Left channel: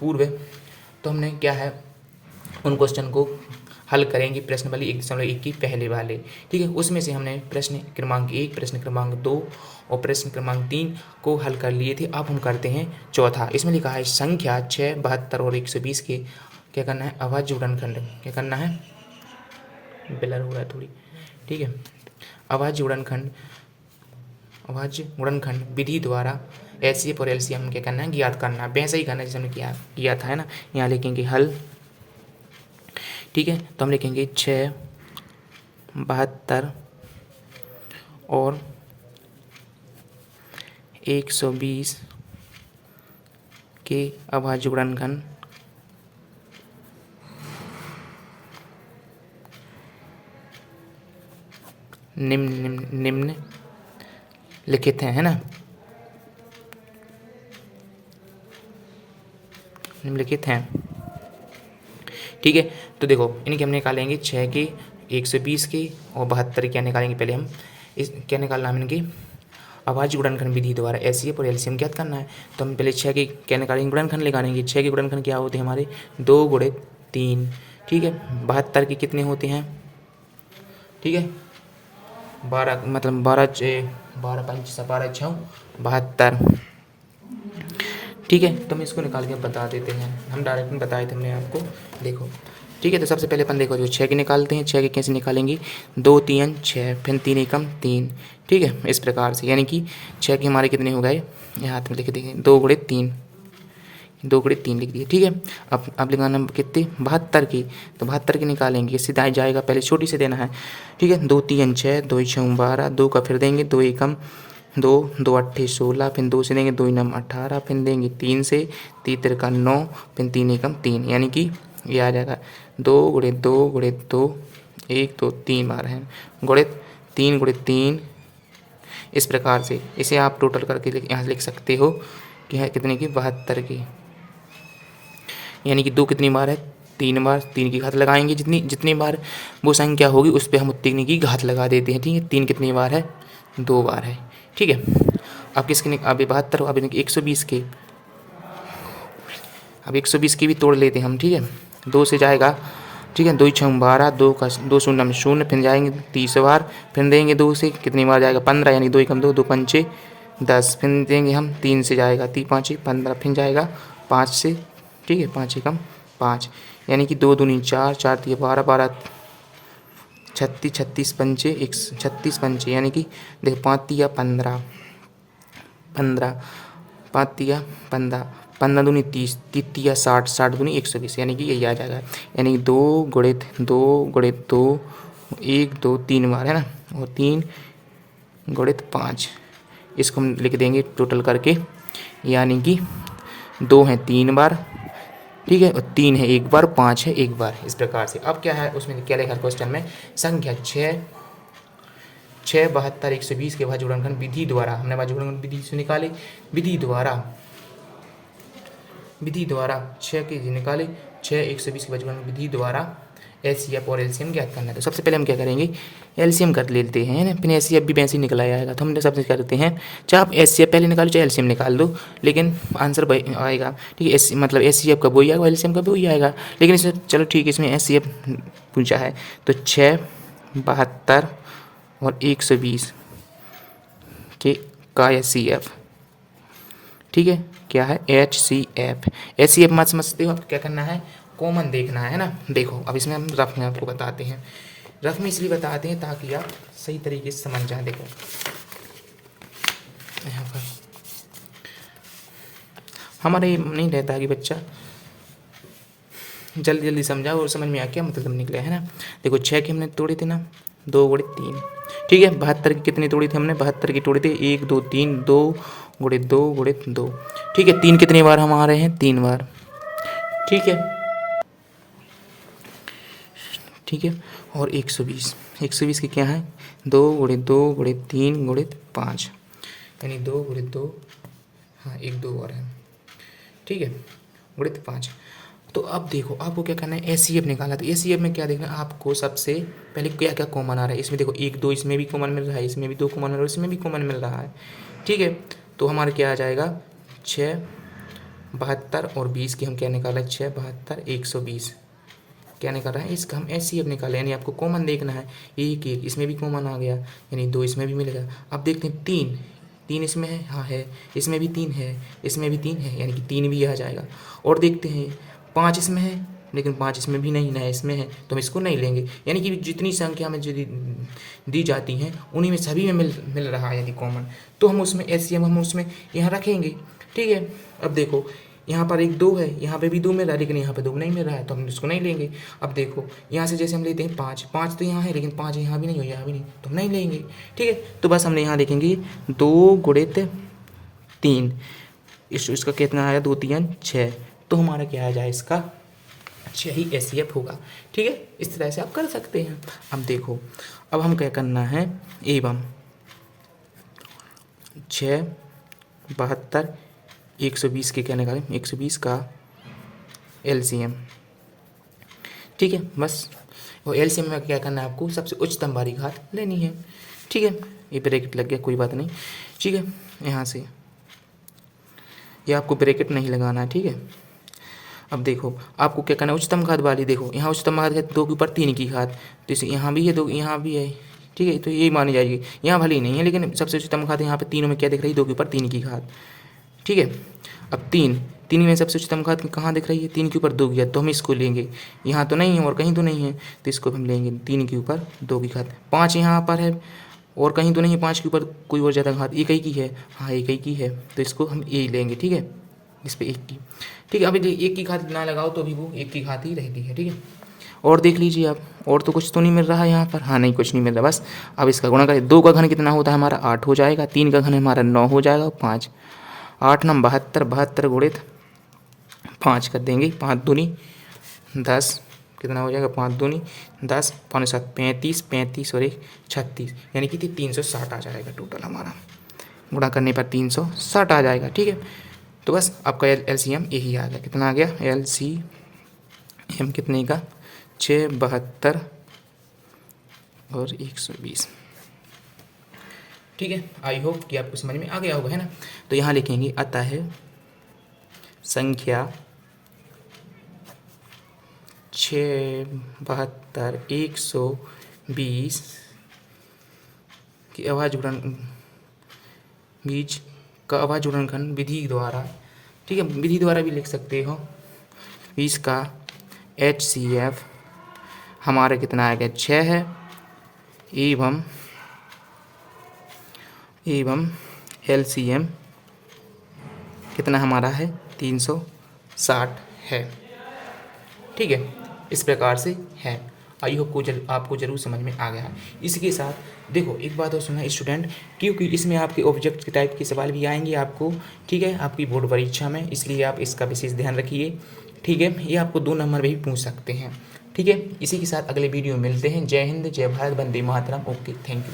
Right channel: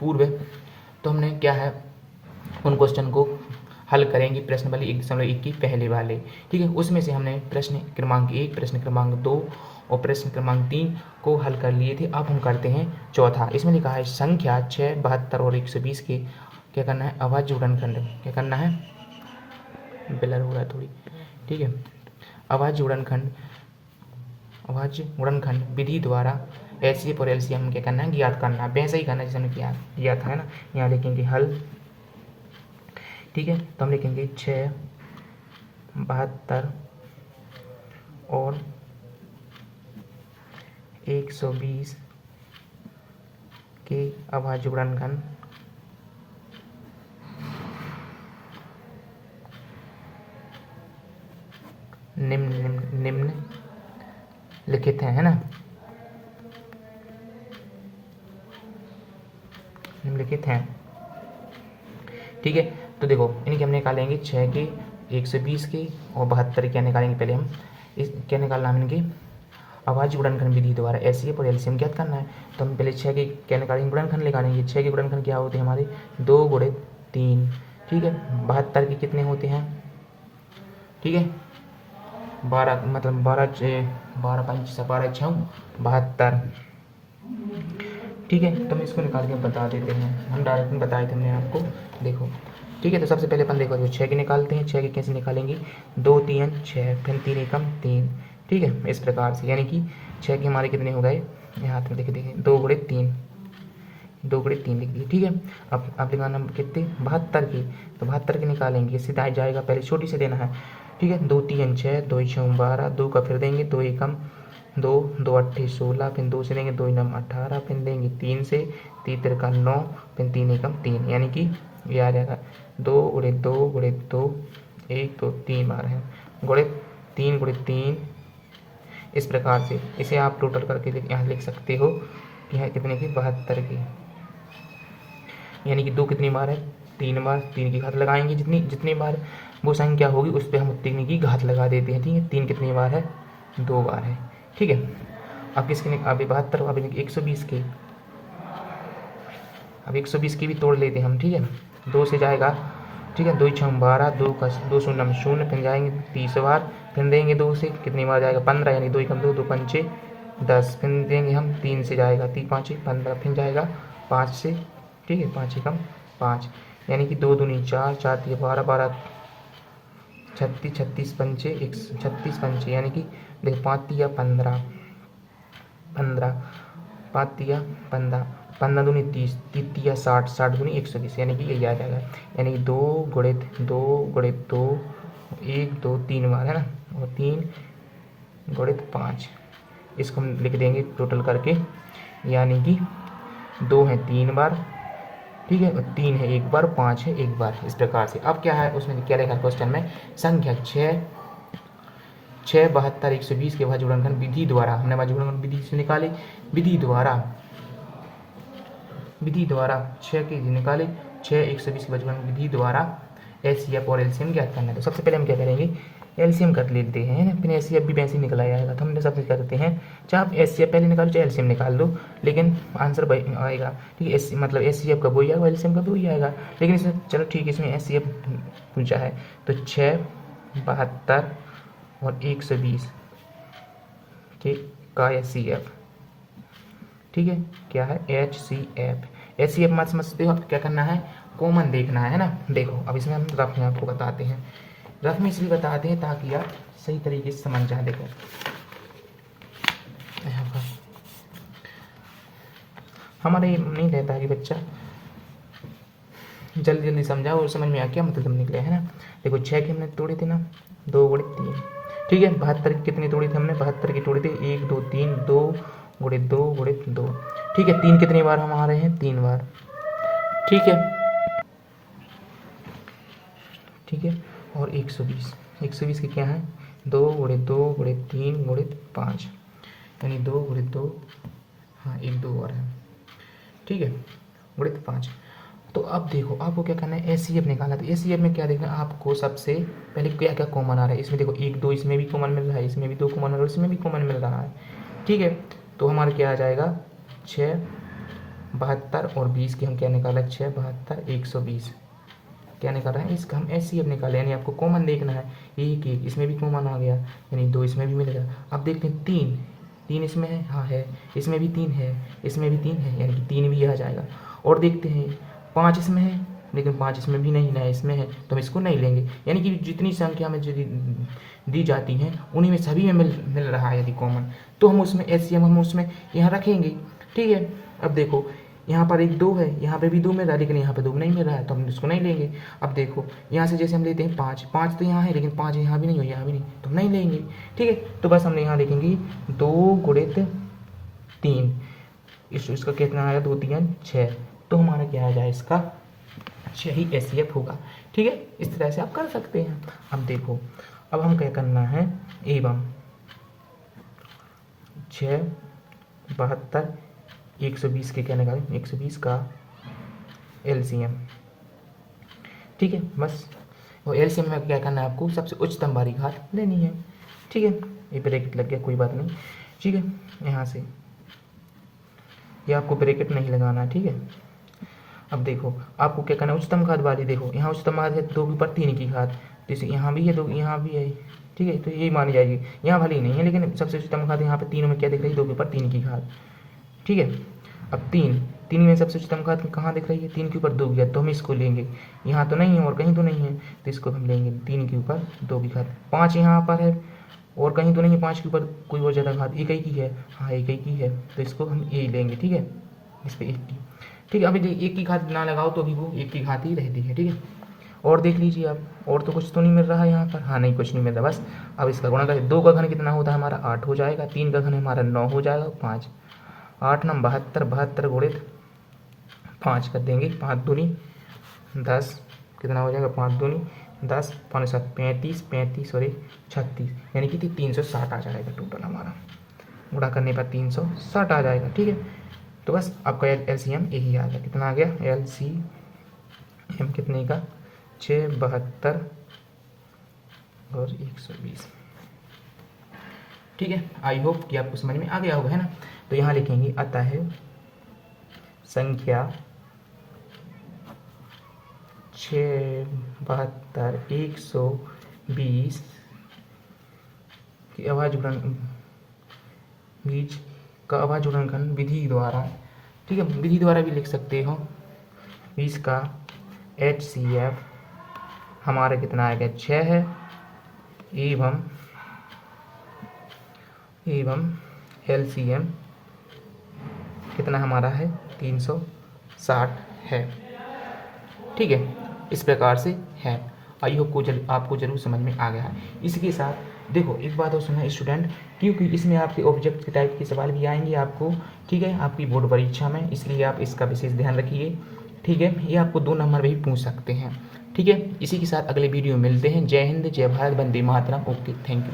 पूर्व, तो हमने क्या है उन क्वेश्चन को हल करेंगे प्रश्न वाली 1.1 की पहले वाले, ठीक है। उसमें से हमने प्रश्न क्रमांक 1, प्रश्न क्रमांक 2 और प्रश्न क्रमांक 3 को हल कर लिए थे। अब हम करते हैं चौथा। इसमें लिखा है संख्या 6, 72 और 120 के क्या करना है, अभाज्य गुणनखंड क्या करना है, ब्लर हो रहा है थोड़ी, ठीक है। अभाज्य गुणनखंड विधि द्वारा एचसीएफ और एलसीएम क्या करना है, ज्ञात करना है। वैसा ही करना है जैसे हमने किया था, है ना। यहाँ लिखेंगे हल, ठीक है। तो हम लिखेंगे 6, 72 और 120 के अभाज्य गुणनखंड निम्न लिखित है ना, निम्नलिखित हैं, ठीक है। तो देखो इनके हम निकालेंगे 6 के, 120 के और 72 क्या निकालेंगे। पहले हम इस क्या निकालना है इनके अभाज्य गुणनखंड विधि द्वारा एचसीएफ और एलसीएम ज्ञात करना है। तो हम पहले 6 के क्या निकालेंगे, गुणनखंड निकालेंगे। 6 के गुणनखंड क्या होते हैं हमारे, 2 गुणे 3, ठीक है। 72 के कितने होते हैं, ठीक है, 12 मतलब 12 5 12 6 72, ठीक है। तो हम इसको निकाल के बता देते हैं, हम डायरेक्ट में बताए थे हमने आपको, देखो, ठीक है। तो सबसे पहले अपन देखो जो 6 के निकालते हैं, 6 के कैसे निकालेंगे, 2 3 6 फिर 3 एकम 3, ठीक है। इस प्रकार से यानी कि 6 के हमारे कितने हो गए, यहाँ हाथ में लिख देंगे 2 गुणे 3, 2 गुणे 3 लिख दिए, ठीक है। अब लिखाना कितने, 72 की, तो 72 के निकालेंगे, सीधा जाएगा, पहले छोटी से देना है, ठीक है। 2 3 6, 2 6 12, 2 का फिर देंगे 2 एकम 2, 2 8 16, फिर 2 से देंगे 2 9 18, फिर देंगे 3 से 3 तिरका 9, फिर 3 एकम 3, यानी कि ये आ जाएगा 2 गुणे 2 गुणे 2, 1 2 3 बार है, गुणे 3 गुणे 3। इस प्रकार से इसे आप टोटल करके यहाँ लिख सकते हो कि है कितने की, 72 की, यानी कि 2 कितनी बार है, 3 बार, 3 की घात लगाएंगे, जितनी बार वो संख्या होगी उस पर हम उतने की घात लगा देते हैं, ठीक है। 3 कितनी बार है, 2 बार है, ठीक है। अब किसके, अब 72, अब 120 के, अब 120 की भी तोड़ लेते हैं हम, ठीक है। 2 से जाएगा, ठीक है, 2 6 12, 2 का 2 शून्य में 0, फिर जाएंगे 30 बार, फिर देंगे 2 से कितनी बार जाएगा, 15, यानी 2 एकम 2, 2 पंचे 10, फिर देंगे हम 3 से जाएगा 3 5 15, फिर जाएगा 5 से, ठीक है, 5 एकम 5, यानी कि 2 दूनी 4, 4 3 12, 12 36, 36 पंचे 36 पंचे, यानी कि देखो 5 तिया 15, 15 5 तिया 15, 15 दूनी 30, 30 तिया 60, 60 दूनी 120, यानी कि यही आ जाएगा, यानी 2 गुणित 2 गुणित 2, 1 2 3 बार है ना, और 3 गुणित 5, इसको हम लिख देंगे टोटल करके, यानी कि 2 है 3 बार, ठीक है, और 3 है 1 बार, 5 है 1 बार, इस प्रकार से। अब क्या है उसमें क्या लिखा क्वेश्चन में, संख्या 6 72 120 के अभाज्य गुणनखंड विधि द्वारा, हमने अभाज्य गुणनखंड विधि से निकाले, विधि द्वारा 6 के निकाले, 6 120 के अभाज्य गुणनखंड विधि द्वारा एचसीएफ और एलसीएम ज्ञात करना है। तो सबसे पहले हम क्या करेंगे, एलसीएम कर लेते हैं ना, फिर एचसीएफ भी वैसे ही निकल आएगा। तो हम सबसे करते हैं, चाहे आप एचसीएफ पहले निकालो चाहे एलसीएम निकाल दो, लेकिन आंसर आएगा, ठीक है। मतलब एचसीएफ का वही आएगा, एलसीएम का भी वही आएगा, लेकिन इसमें चलो ठीक है, इसमें एचसीएफ पूछा है, तो 6 72 और 120 के का एचसीएफ, ठीक है, क्या है एचसीएफ। एचसीएफ मत समझते हो, अब क्या करना है, कॉमन देखना है ना। देखो अब इसमें हम रफ में आपको बताते हैं, रफ में इसलिए बताते हैं ताकि आप सही तरीके से समझ जाए। देखो यहाँ पर हमारे नहीं रहता कि बच्चा जल्दी जल्दी समझा और समझ में आ क्या मतलब निकला है ना। देखो 6 के हमने तोड़े थे ना, 2 गुणे 3, ठीक है। 72 की कितनी तोड़ी थी हमने, 72 की तोड़ी थी 1 2 3, 2 गुणे 2 गुणे 2, ठीक है। 3 कितनी बार हम आ रहे हैं, 3 बार, ठीक है, ठीक है। और 120 के क्या है, 2 गुणे 2 गुणे 3 गुणे 5, यानी 2 गुणे 2, हाँ 1 2 और है, ठीक है, गुणे 5। तो अब देखो आपको क्या करना है, एचसीएफ निकालना। तो एचसीएफ में क्या देखना आपको, सबसे पहले क्या क्या कॉमन आ रहा है इसमें। देखो 1 2 इसमें भी कॉमन मिल रहा है, इसमें भी 2 कॉमन मिल रहा है, इसमें भी कॉमन मिल रहा है, ठीक है। तो हमारा क्या आ जाएगा, 6 72 और 20 की हम क्या निकाला, 6 72 120 क्या निकाला है, इसका हम एचसीएफ निकाले, यानी आपको कॉमन देखना है। एक एक इसमें भी कॉमन आ गया, यानी 2 इसमें भी मिलेगा। अब देखते हैं 3 3 इसमें है, हाँ है, इसमें भी 3 है, इसमें भी 3 है, यानी कि 3 भी आ जाएगा। और देखते हैं 5 इसमें है, लेकिन 5 इसमें भी नहीं है, इसमें है, तो हम इसको नहीं लेंगे। यानी कि जितनी संख्या में जो दी जाती हैं उन्हीं में सभी में मिल रहा है यदि कॉमन, तो हम उसमें एचसीएफ हम उसमें यहाँ रखेंगे। ठीक है, अब देखो यहाँ पर एक 2 है, यहाँ पे भी 2 मिल रहा है, लेकिन यहाँ पे 2 नहीं मिल रहा है, तो हम उसको नहीं लेंगे। अब देखो यहाँ से जैसे हम लेते हैं 5 5 तो यहाँ है, लेकिन 5 यहाँ भी नहीं हो, यहाँ भी नहीं, तो हम नहीं लेंगे। ठीक है, तो बस हमने यहाँ देखेंगे 2 गुणित 3, इसका कितना आया, 2 3 6, तो हमारा क्या आ जाए, इसका 6 ही एचसीएफ होगा। ठीक है, इस तरह से आप कर सकते हैं। अब देखो, अब हम क्या करना है, एवं 6 72 120 के क्या निकालें, 120 का एलसीएम। ठीक है, बस वो एलसीएम में क्या करना है, आपको सबसे उच्चतम वाली घात लेनी है। ठीक है, ये ब्रैकेट लग गया, कोई बात नहीं। ठीक है, यहाँ से ये आपको ब्रैकेट नहीं लगाना है। ठीक है, अब देखो आपको क्या करना है, उच्चतम घात वाली, देखो यहाँ उच्चतम घात है 2 के ऊपर 3 की घात, तो इसे यहाँ भी है 2, यहाँ भी है। ठीक है, तो यही मानी जाएगी, यहाँ भले ही नहीं है, लेकिन सबसे उच्चतम घात यहाँ पे तीनों में क्या दिख रही है, 2 के ऊपर 3 की घात। ठीक है, अब 3 में सबसे उच्चतम घात कहाँ दिख रही है, 3 के ऊपर 2 की घात, तो हम इसको लेंगे। यहाँ तो नहीं है और कहीं तो नहीं है, तो इसको हम लेंगे 3 के ऊपर 2 की घात। 5 यहाँ पर है और कहीं तो नहीं है, 5 के ऊपर कोई और ज़्यादा घात, एक ही की है, हाँ एक ही की है, तो इसको हम ये लेंगे। ठीक है, इस पर 1 की। ठीक है, अभी एक की घात ना लगाओ तो अभी वो 1 की घात ही रहती है। ठीक है, और देख लीजिए आप, और तो कुछ तो नहीं मिल रहा है यहाँ पर, हाँ नहीं कुछ नहीं मिल रहा, बस अब इसका गुणा करें। 2 का घन कितना होता है हमारा, 8 हो जाएगा, 3 का घन हमारा 9 हो जाएगा, 5 8 9 72 72 गुणित 5 कर देंगे, 5 दूनी 10 कितना हो जाएगा, 5 दूनी 10 5 7 35 35 और 1 36, यानी कि 360 आ जाएगा टोटल हमारा, गुणा करने पर 360 आ जाएगा। ठीक है, तो बस आपका एलसीएम यही आ गया, कितना आ गया, एलसीएम कितने का, 6 72 और 120। ठीक है, आई होप कि आपको समझ में आ गया होगा, है ना। तो यहाँ लिखेंगे, अतः संख्या 6 72 120 की आवाज बीच का आवाज गुणनखंड विधि द्वारा, ठीक है, विधि द्वारा भी लिख सकते हो, 20 का एचसीएफ हमारा कितना आएगा, 6 है, एवं एलसीएम कितना हमारा है, 360 है। ठीक है, इस प्रकार से है। आई होप आपको जरूर समझ में आ गया है। इसके साथ देखो एक बात और सुना स्टूडेंट, क्योंकि इसमें आपके ऑब्जेक्ट टाइप के सवाल भी आएंगे आपको, ठीक है, आपकी बोर्ड परीक्षा में, इसलिए आप इसका विशेष ध्यान रखिए। ठीक है, ये आपको 2 नंबर भी पूछ सकते हैं। ठीक है, इसी के साथ अगले वीडियो में मिलते हैं। जय हिंद, जय भारत, वंदे मातरम। Okay, thank you.